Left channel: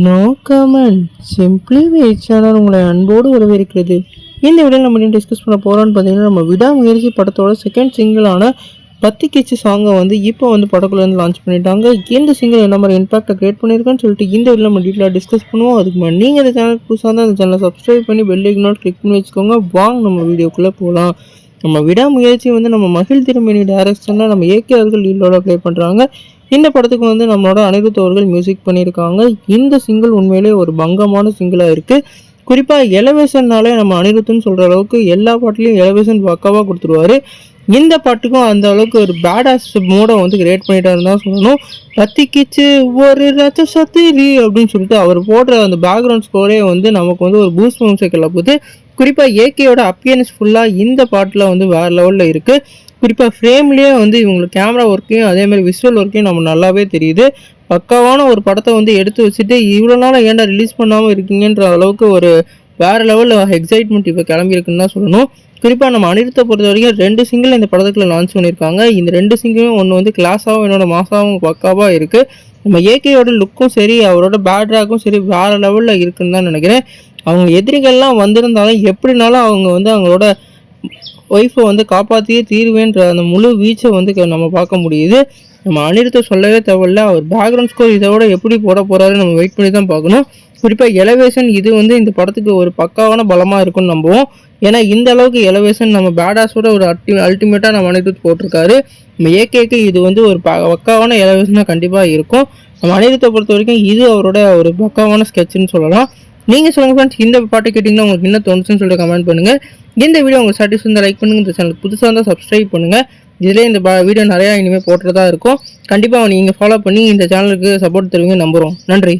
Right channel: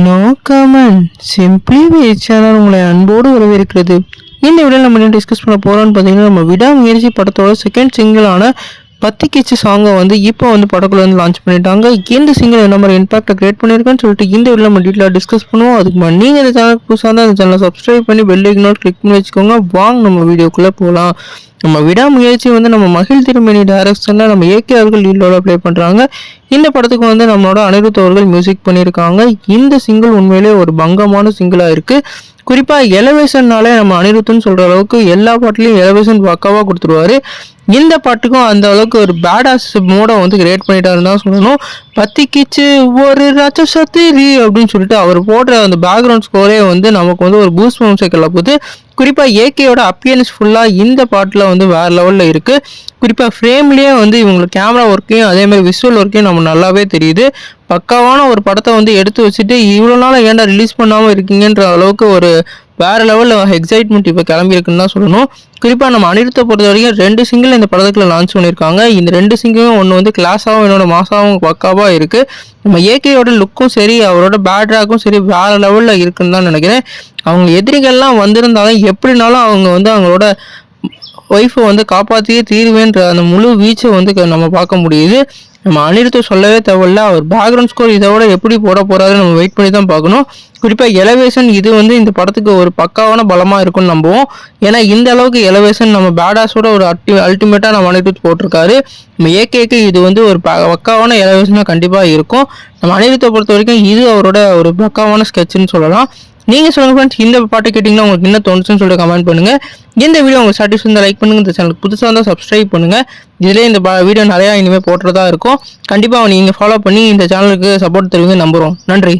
No comment simply வே channel உங்களை அன்போடு வரவேற்கிறது. இந்த வீடியோவில் நம்ம என்ன டிஸ்கஸ் பண்ண போகிறோம்னு பார்த்தீங்கன்னா, நம்ம விடாமுயற்சி படத்தோட செகண்ட் சிங்கிளான பத்தி கிச்சு சாங்கை இப்போ படக்குள்ள லான்ச் பண்ணிட்டாங்க. இந்த சிங்கிள் என்ன மாதிரி இம்பாக்டை கிரியேட் பண்ணியிருக்கேன்னு சொல்லிட்டு இந்த வீடியோவில் நம்ம டீட்டெயிலாக டிஸ்கஸ் பண்ணுவோம். அதுக்கு முன்னாடி நீங்கள் இந்த சேனல் புதுசாக இருந்தால் அந்த சேனலை சப்ஸ்கிரைப் பண்ணி பெல் ஐக்கன் கிளிக் பண்ணி வச்சுக்கோங்க. வாங்க நம்ம வீடியோக்குள்ளே போகலாம். நம்ம விடாமுயற்சி நம்ம மகிழ் திருமணி டைரக்ஷனில் நம்ம ஏகே அவர்கள் லீடோட ப்ளே பண்ணுறாங்க. இந்த படத்துக்கு நம்மளோட அனிருத் அவர்கள் மியூசிக் பண்ணியிருக்காங்க. இந்த சிங்கிள் உண்மையிலே ஒரு பங்கமான சிங்கிளாக இருக்குது. குறிப்பாக எலவேஷன்னாலே நம்ம அனிருத்துன்னு சொல்கிற அளவுக்கு எல்லா பாட்டுலேயும் எலவேஷன் பக்காவாக கொடுத்துருவாரு. இந்த பாட்டுக்கும் அந்த அளவுக்கு ஒரு பேடாஸ் மூடை கிரியேட் பண்ணிட்டாருன்னு தான் சொல்லணும். பத்திக்கிச்சு ஒரு ராட்சசத்திரி அப்படின்னு சொல்லிட்டு அவர் போடுற அந்த பேக்ரவுண்ட் ஸ்கோரே நமக்கு ஒரு பூஸ்ட் சைக்கிள் போகுது. குறிப்பாக ஏகேயோட அப்பியன்ஸ் ஃபுல்லாக இந்த பாட்டில் வேறு லெவலில் இருக்குது. குறிப்பாக ஃப்ரேம்லேயே இவங்களுக்கு கேமரா ஒர்க்கையும் அதே மாதிரி விஷுவல் ஒர்க்கையும் நம்ம நல்லாவே தெரியுது. பக்காவான ஒரு படத்தை எடுத்து வச்சுட்டு இவ்வளோ நாள் ஏன்டா ரிலீஸ் பண்ணாமல் இருக்கீங்கன்ற அளவுக்கு ஒரு வேறு லெவலில் எக்ஸைட்மெண்ட் இப்போ கிளம்பியிருக்குன்னு தான் சொல்லணும். குறிப்பாக நம்ம அனிருத்தை பொறுத்த வரைக்கும் 2 சிங்கிள் இந்த படத்துக்குள்ள லான்ச் பண்ணியிருக்காங்க. இந்த 2 சிங்கிளும் ஒன்று கிளாஸாகவும் என்னோட மாசாகவும் பக்காவாக இருக்குது. நம்ம ஏகேயோட லுக்கும் சரி அவரோட பேட்ராக்கும் சரி வேறு லெவலில் இருக்குன்னு தான் நினைக்கிறேன். அவங்க எதிரிகள்லாம் வந்திருந்தாலும் எப்படினாலும் அவங்க அவங்களோட ஒய்ஃபை காப்பாற்றியே தீர்வேன்ற அந்த முழு வீச்சை நம்ம பார்க்க முடியுது. நம்ம அனிருத்தை சொல்லவே தேவையில்ல. அவர் பேக்ரவுண்ட் ஸ்கோர் இதோட எப்படி போட போகிறாருன்னு நம்ம வெயிட் பண்ணி தான் பார்க்கணும். குறிப்பாக எலவேஷன் இது இந்த படத்துக்கு ஒரு பக்காவான பலமாக இருக்கும்னு நம்புவோம். ஏன்னா இந்த அளவுக்கு எலவேஷன் நம்ம பேடாஸோட ஒரு அல்டிமேட்டாக நம்ம அனிருத் போட்டிருக்காரு. நம்ம ஏகேக்கு இது ஒரு பக்காவான எலவேஷனாக கண்டிப்பாக இருக்கும். நம்ம அனிருத்தை பொறுத்த வரைக்கும் இது அவரோட ஒரு பக்காவான ஸ்கெட்சுன்னு சொல்லலாம். நீங்கள் சொல்லுங்கள் ஃப்ரெண்ட்ஸ், இந்த பாட்டை கேட்டிங்கன்னா உங்களுக்கு என்ன தோணுச்சுன்னு சொல்லிட்டு கமெண்ட் பண்ணுங்கள். இந்த வீடியோ உங்களுக்கு சாட்டிஸ்ஃபை இருந்தால் லைக் பண்ணுங்கள். இந்த சேனலுக்கு புதுசாக இருந்தால் சப்ஸ்கிரைப் பண்ணுங்கள். இதிலே இந்த வீடியோ நிறையா இனிமேல் போட்டுறதா இருக்கும். கண்டிப்பாக நீங்கள் ஃபாலோ பண்ணி இந்த சேனலுக்கு சப்போர்ட் தருவீங்க நம்புகிறோம். நன்றி.